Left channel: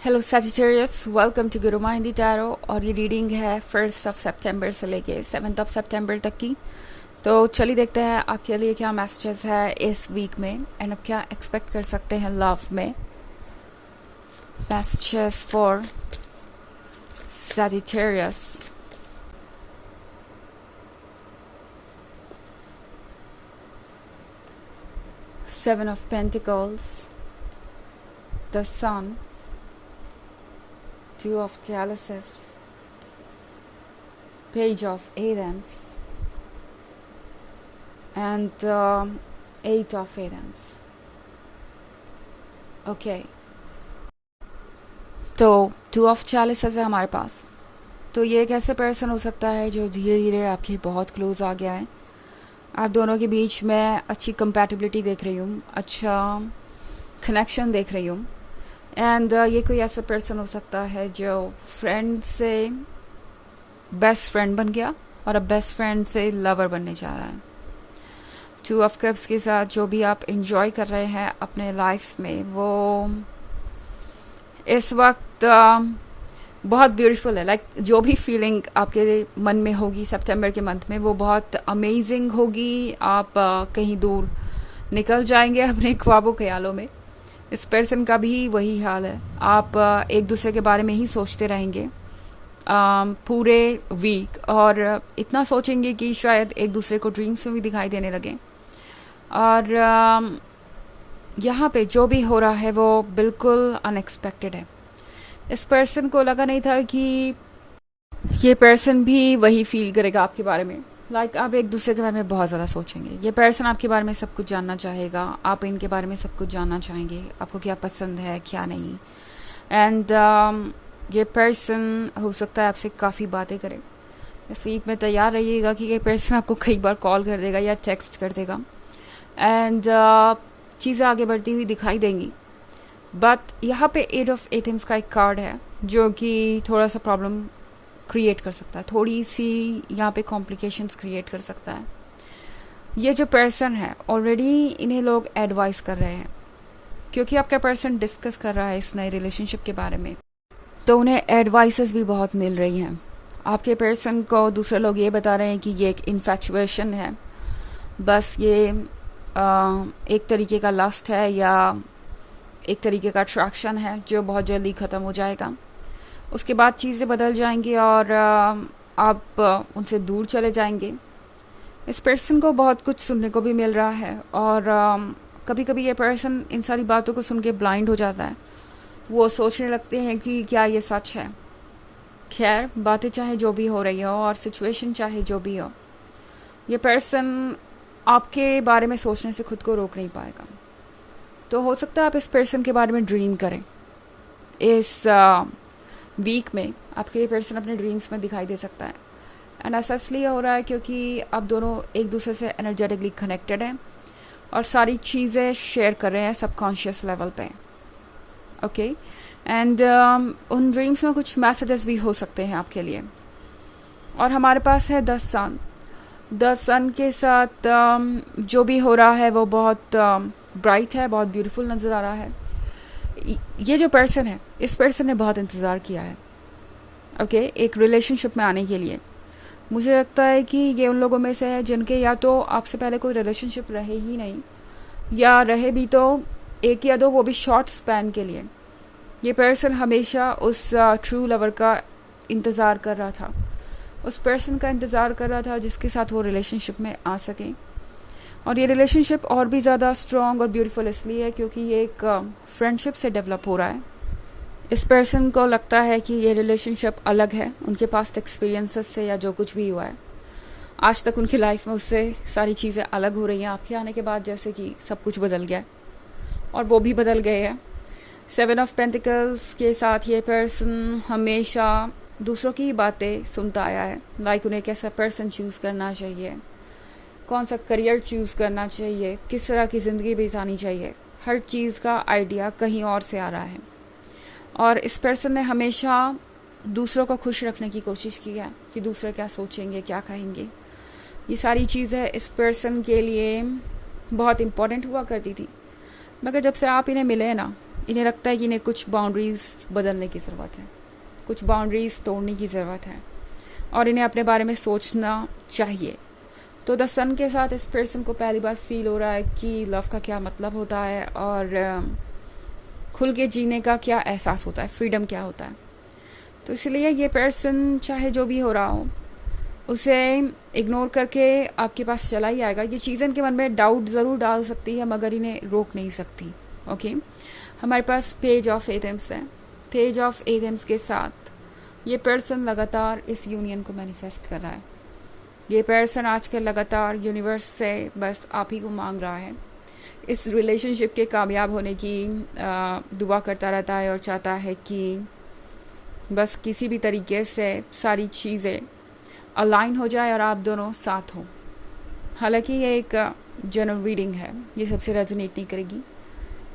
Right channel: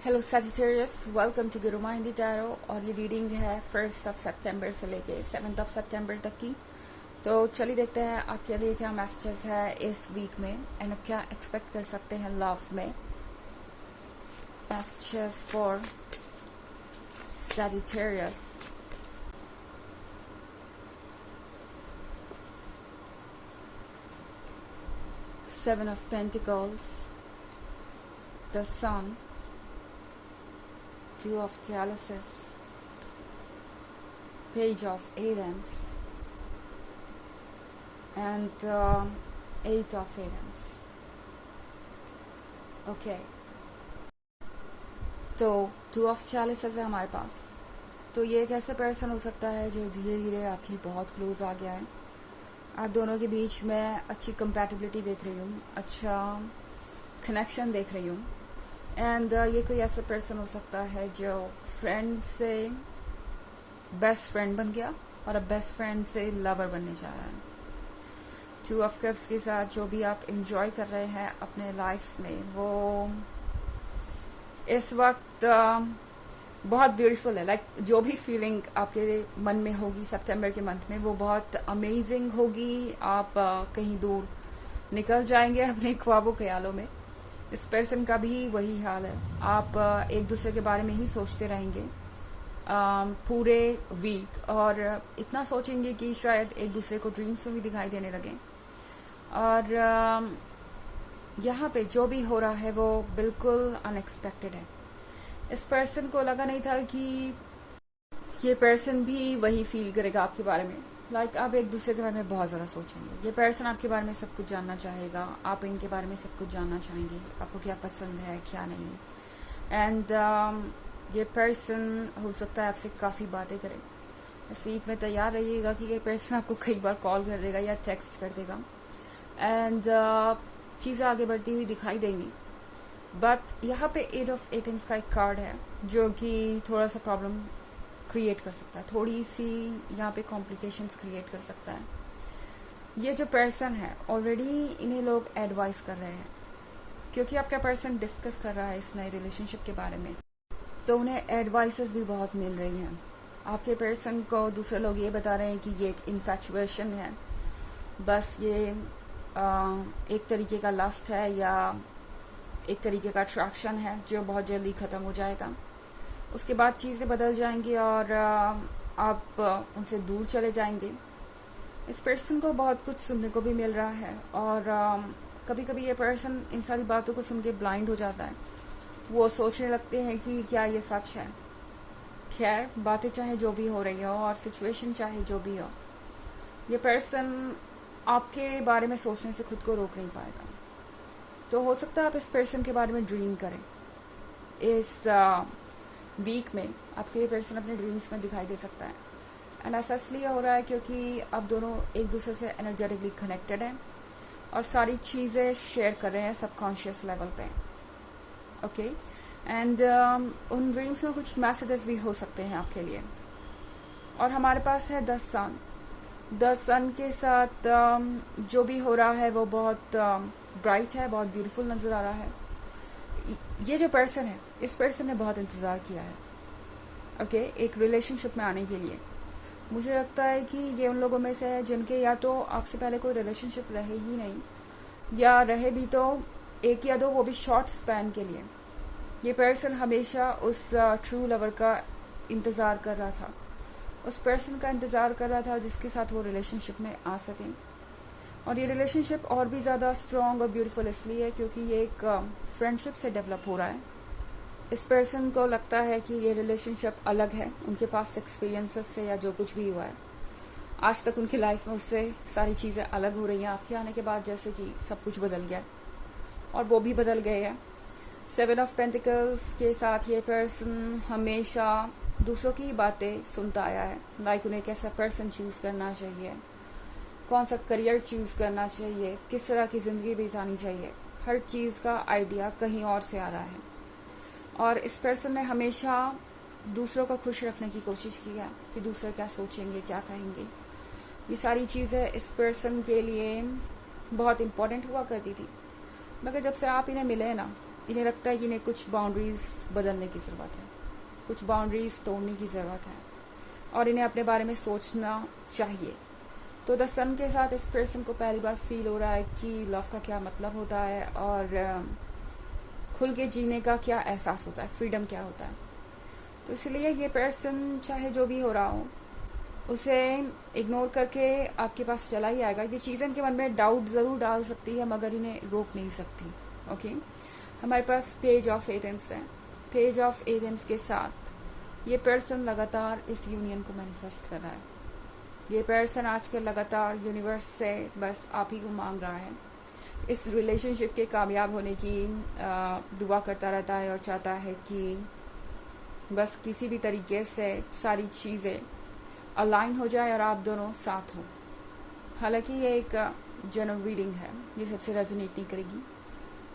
Hello Sagittarius, welcome to Guru माइंडी tarot. और ये reading है 1 से लेके 7 तक की। तो चलिए देखते हैं आपके लिए क्या मैसेजेस है इस वीक में एंड आप क्या एक्सपेक्ट कर सकते हैं लव में। Messages for Sagittarius. Seven of Pentacles, the Sun, Two of Chalices, Page of Wands, and Eight of Wands. Okay. तो टू ऑफ चैलिसेस है हमारे पास। तो ये एक ऐसे पर्सन हो सकता है जो धीरे धीरे आपके बहुत क्लोज आ गया है। आप दोनों के बीच में अच्छी कंपैटिबिलिटी देख रही हूँ, अच्छा कनेक्शन देख रही हूँ। एंड ये कोई ऐसा पर्सन हो सकता है जो फ्रेंड से बेस्ट फ्रेंड बन गया और अब बेस्ट फ्रेंड से लवर बनने जा रहा है। टू ऑफ कप्स के साथ जो भी आप इंजॉय कर रहे हैं अपने लाइफ में, वो इस वक्त बहुत ब्यूटीफुल है। लाइक जो भी फीलिंग आपके मन में होगी सितंबर के मंथ में, वो बहुत अमेजिंग होगी। आप कहीं दूर निकल जाएंगे अपने ख्वाबों ख्यालों में। इस पर्सन का भी वही हाल है। आप एक दूसरे के बारे में ही सोचते रहेंगे पूरे वीक, और इतना सोचेंगे कि शायद एक दूसरे को ड्रीम्स में भी दिखाई देने लगे। और यहाँ पे जो भी हो रहा है वो बिल्कुल अनएक्सपेक्टेड है। इस पर्सन को लगा नहीं था कि ये पर्सन भी वही फील करेगा आपके बारे में। लाइक आप एक दूसरे के बारे में बहुत ज़्यादा सोचेंगे। ये पर्सन आपके बारे में सब कुछ जानना चाहेगा, आप इनके बारे में सब कुछ जानना चाहेंगे, आपको क्या पसंद है क्या नहीं। एंड ये पर्सन हो सकता है आपसे काफ़ी बातें करे। इस वीक में तैयार रहिएगा कि ये पर्सन आपको कई बार कॉल कर देगा या टेक्स्ट कर देगा। एंड चीज़ें आगे बढ़ती हुई दिखाई देंगी। बट यहाँ पे एट ऑफ एथेंस का एक कार्ड है जो कि थोड़ा सा प्रॉब्लम क्रिएट कर सकता है, थोड़ी सी यहाँ पे कॉम्प्लिकेशंस क्रिएट कर सकता है। ये जो पर्सन है ऑलरेडी इन्हें लोग एडवाइस कर रहे हैं, क्योंकि आपका पर्सन डिस्कस कर रहा है इस नए रिलेशनशिप के बारे में, तो उन्हें एडवाइसेस भी बहुत मिल रही हैं। आपके पर्सन को दूसरे लोग ये बता रहे हैं कि ये एक इन्फैचुएशन है, बस ये एक तरीके का लस्ट है या एक तरीके का अट्रैक्शन है जो बहुत जल्दी ख़त्म हो जाएगा। उसके बाद चीज़ें बदल जाएंगी और आप उनसे दूर चले जाएंगे। इस पर्सन को बहुत कुछ सुनने को भी मिल रहा है, और कभी कभी ये पर्सन इन सारी बातों को सुन के ब्लाइंड हो जाता है। वो सोचने लगते हैं कि क्या ये सच है। खैर, बातें चाहे जो भी हो रही हो और सिचुएशन चाहे जो भी हो, ये पर्सन आपके बारे में सोचने से खुद को रोक नहीं पाएगा। तो हो सकता है आप इस पर्सन के बारे में ड्रीम करें। इस वीक में आपके ये पर्सन अपने ड्रीम्स में दिखाई दे सकता है। एंड ऐसा इसलिए हो रहा है क्योंकि आप दोनों एक दूसरे से एनर्जेटिकली कनेक्टेड हैं और सारी चीज़ें शेयर कर रहे हैं सबकॉन्शियस लेवल पे। ओके। एंड उन ड्रीम्स में कुछ मैसेजेस भी हो सकते हैं आपके लिए। और हमारे पास है द सन के साथ जो भी हो रहा है वो बहुत ब्राइट है, बहुत ब्यूटीफुल नज़र आ रहा है। ये जो पर्सन है, इस पर्सन ने बहुत इंतज़ार किया है एक रिलेशनशिप में आने के लिए। मुझे लगता है कि ये उन लोगों में से है जिनके या तो आपसे पहले कोई रिलेशनशिप रहे ही नहीं, या रहे भी तो एक या दो, वो भी शॉर्ट स्पैन के लिए। ये पर्सन हमेशा उस ट्रू लवर का इंतज़ार कर रहा था, उस पर्सन का इंतज़ार कर रहा था जिसके साथ वो रिलेशनशिप में आ सकें। और ये रिलेशनशिप और भी ज़्यादा स्ट्रॉन्ग और ब्यूटीफुल इसलिए है क्योंकि ये एक फ्रेंडशिप से डेवलप हो रहा है। इस पर्सन को लगता है कि ये रिलेशनशिप अलग है उनके पास्ट एक्सपीरियंसेस से, या जो कुछ भी हुआ है आज तक उनकी लाइफ में, उससे सारी चीज़ें अलग हो रही हैं आपके आने के बाद। जैसे कि सब कुछ बदल गया और वो भी बदल गए हैं। 7 ऑफ पेंटिकल्स के साथ ये पर्सन हमेशा दूसरों की बातें सुनता आया है। लाइक उन्हें कैसा पर्सन चूज़ करना चाहिए, कौन सा करियर चूज़ करना चाहिए, किस तरह की ज़िंदगी बितानी चाहिए, हर चीज़ का आइडिया कहीं और से आ रहा है। और इस पर्सन ने हमेशा दूसरों को खुश रखने की कोशिश की है कि दूसरे क्या सोचेंगे, क्या कहेंगे। ये सारी चीज़ें इस पर्सन के लिए बहुत इम्पोर्टेंट हुआ करती थी। मगर जब से आप इन्हें मिले ना, इन्हें लगता है कि इन्हें कुछ बाउंड्रीज़ बदलने की ज़रूरत है, कुछ बाउंड्रीज़ तोड़ने की ज़रूरत है और इन्हें अपने बारे में सोचना चाहिए। तो द सन के साथ इस पर्सन को पहली बार फील हो रहा है कि लव का क्या मतलब होता है और खुल के जीने का क्या एहसास होता है, फ्रीडम क्या होता है। तो इसलिए ये पर्सन चाहे जो भी हो रहा हो उसे इग्नोर करके आपके पास चला ही आएगा। ये चीज़ें इनके मन में डाउट ज़रूर डाल सकती है मगर इन्हें रोक नहीं सकती। ओके, हमारे पास पेज ऑफ एथम्स है। पेज ऑफ एथम्स के साथ ये पर्सन लगातार इस यूनियन को मैनिफेस्ट कर रहा है। ये पर्सन आजकल लगातार यूनिवर्स से बस आप ही को मांग रहा है, इस रिलेशनशिप के कामयाब होने की दुआ करता रहता है और चाहता है कि बस किसी भी तरीके से सारी चीज़ें अलाइन हो जाए और आप दोनों साथ हो। हालांकि ये एक जनरल रीडिंग है, ये सबसे रेजोनेट नहीं करेगी।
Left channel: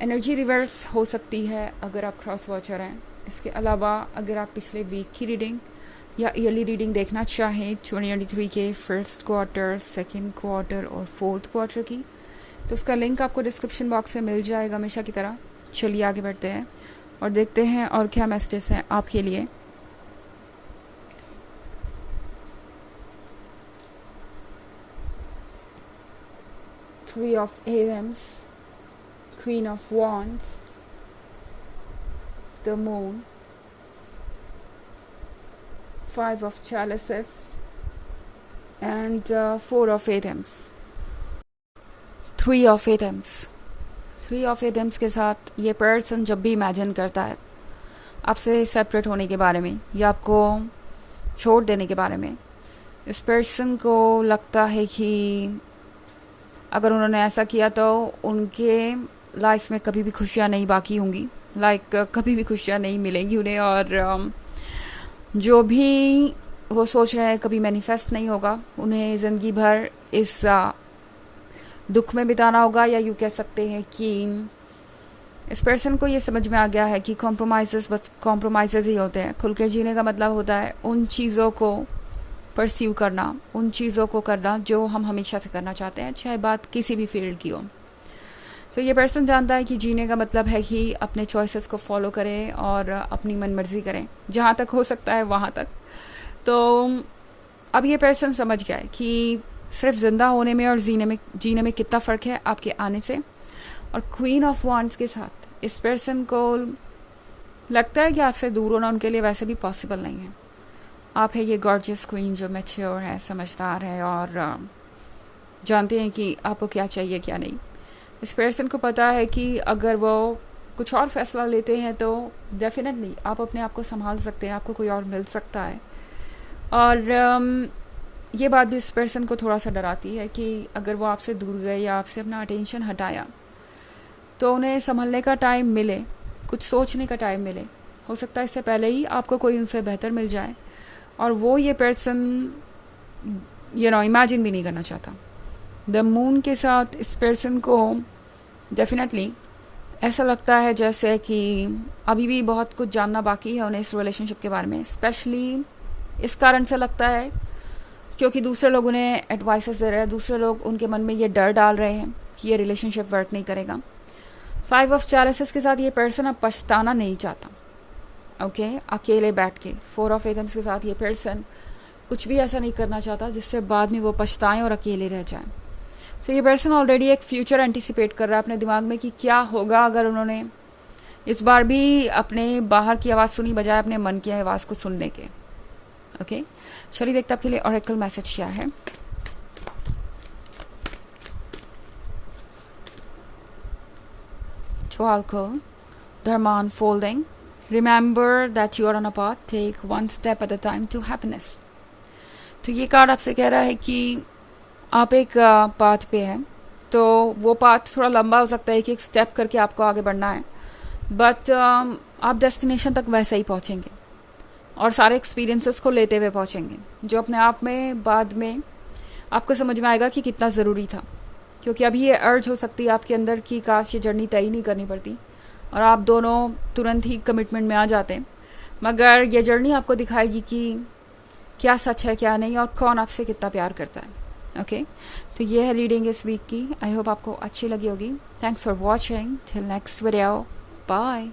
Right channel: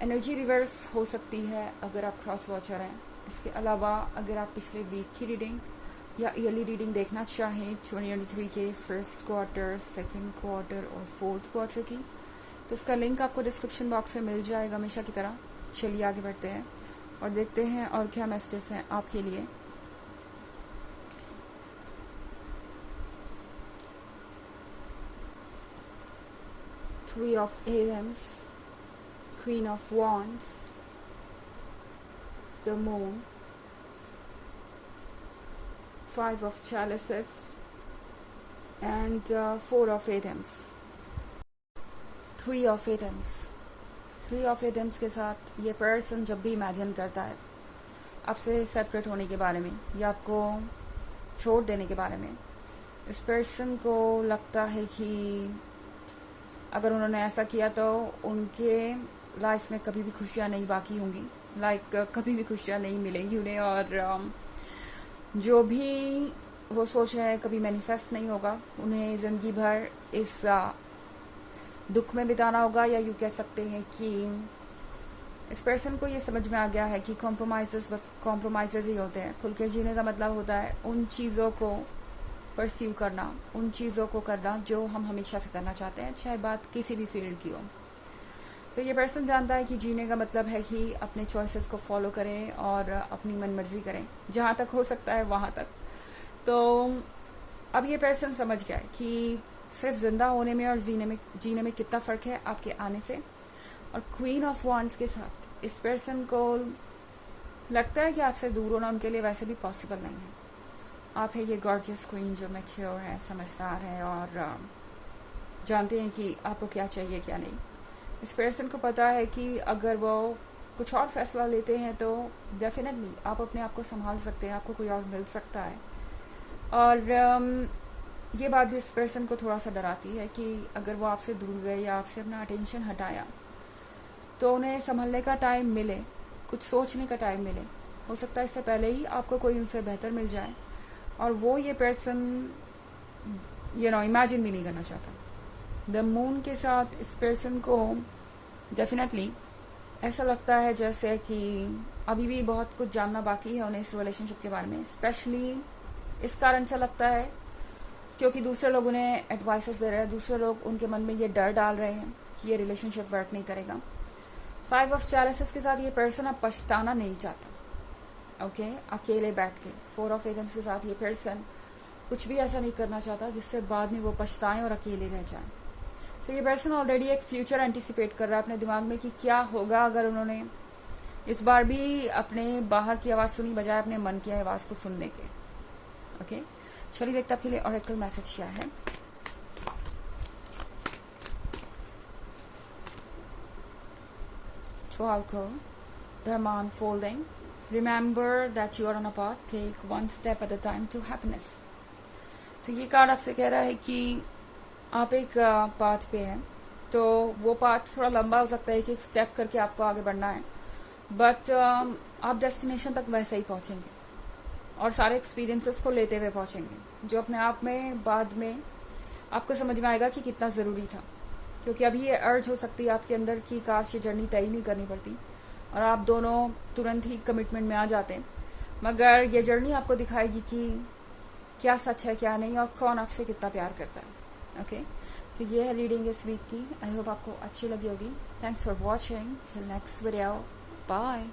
एनर्जी रिवर्स हो सकती है अगर आप क्रॉस वॉचर हैं। इसके अलावा अगर आप पिछले वीक की रीडिंग या ईयरली रीडिंग देखना चाहें 2023 के फर्स्ट क्वार्टर, सेकेंड क्वार्टर और फोर्थ क्वार्टर की, तो उसका लिंक आपको डिस्क्रिप्शन बॉक्स में मिल जाएगा हमेशा की तरह। चलिए आगे बढ़ते हैं और देखते हैं और क्या मैसेजेस हैं आपके लिए। Three of Wands, Queen of Wands, the Moon, Five of Chalices, and Four of Wands. Three of Wands. Three of Wands के साथ ये पर्सन जब भी इमेजिन करता है आपसे सेपरेट होने के बारे में या आपको छोड़ देने के बारे में, इस पर्सन को लगता है कि अगर उन्होंने ऐसा किया तो उनके लाइफ में कभी भी खुशियाँ नहीं बाकी होंगी, कभी भी खुशियाँ नहीं मिलेंगी उन्हें, और जो भी वो सोच रहे हैं कभी मैनिफेस्ट नहीं होगा। उन्हें ज़िंदगी भर इस दुख में बिताना होगा, या यूँ कह सकते हैं कि इस पर्सन को ये समझ में आ गया है कि कॉम्प्रोमाइज़ेस बस कॉम्प्रोमाइज़ेस ही होते हैं। खुल के जीने का मतलब होता है उन चीज़ों को परस्यू करना, उन चीज़ों को करना जो हम हमेशा से करना चाहते हैं, चाहे बात किसी भी फील्ड की हो। तो ये पर्सन जानता है कि जीने का मतलब है कि अपने चॉइसेस को फॉलो करें और अपनी मनमर्जी करें, जहाँ तक हो सकता है वहाँ तक। तो अब ये पर्सन समझ गया है कि सिर्फ ज़िंदा होने में और जीने में कितना फ़र्क है आपके आने से। और क्वीन ऑफ वांड्स के साथ इस पर्सन को लगता है कि आपसे दूर होना उनके लिए वैसे भी पॉसिबल नहीं है। आप है ये गॉर्जियस क्वीन जो मैच्योर है, समझदार है और जानते हैं कि आपको क्या चाहिए क्या नहीं। इस पर्सन को पता है कि अगर वो कुछ और फैसला लेते हैं तो डेफिनेटली आप अपने आप को संभाल सकते हैं, आपको कोई और मिल सकता है। और ये बात भी इस पर्सन को थोड़ा सा डराती है कि अगर वो आपसे दूर गए या आपसे अपना अटेंशन हटाया तो उन्हें संभलने का टाइम मिले, कुछ सोचने का टाइम मिले। हो सकता है इससे पहले ही आपको कोई उनसे बेहतर मिल जाए और वो ये पर्सन इमेजिन भी नहीं करना चाहता। द मून के साथ इस पर्सन को डेफिनेटली ऐसा लगता है जैसे कि अभी भी बहुत कुछ जानना बाकी है उन्हें इस रिलेशनशिप के बारे में। स्पेशली इस कारण से लगता है क्योंकि दूसरे लोग उन्हें एडवाइसेस दे रहे हैं, दूसरे लोग उनके मन में ये डर डाल रहे हैं कि ये रिलेशनशिप वर्क नहीं करेगा। फाइव ऑफ चैलिसेस के साथ ये पर्सन अब पछताना नहीं चाहता। ओके, अकेले बैठ के। फोर ऑफ एथम्स के साथ ये पर्सन कुछ भी ऐसा नहीं करना चाहता जिससे बाद में वो पछताएं और अकेले रह जाएं। तो ये पर्सन ऑलरेडी एक फ्यूचर एंटिसिपेट कर रहा है अपने दिमाग में कि क्या होगा अगर उन्होंने इस बार भी अपने बाहर की आवाज़ सुनी बजाय अपने मन की आवाज़ को सुनने के। ओके, चलिए देखते आपके लिए ऑरेकल मैसेज क्या है। Oracle, Dharma unfolding. Remember that you are on a path. Take one step at a time to happiness. तो ये कार्ड आपसे कह रहा है कि आप एक पाथ पे हैं, तो वो पाथ थोड़ा लंबा हो सकता है कि एक स्टेप करके आपको आगे बढ़ना है, बट आप डेस्टिनेशन तक वैसे ही पहुंचेंगे और सारे एक्सपीरियंसेस को लेते हुए पहुंचेंगे, जो अपने आप में बाद में आपको समझ में आएगा कि कितना ज़रूरी था। क्योंकि अभी ये अर्ज हो सकती है आपके अंदर कि काश ये जर्नी तय नहीं करनी पड़ती और आप दोनों तुरंत ही कमिटमेंट में आ जाते, मगर ये जर्नी आपको दिखाएगी कि क्या सच है क्या नहीं और कौन आपसे कितना प्यार करता है। ओके, तो ये है रीडिंग इस वीक की। आई होप आपको अच्छी लगी होगी। Thanks for watching. Till next video. Bye.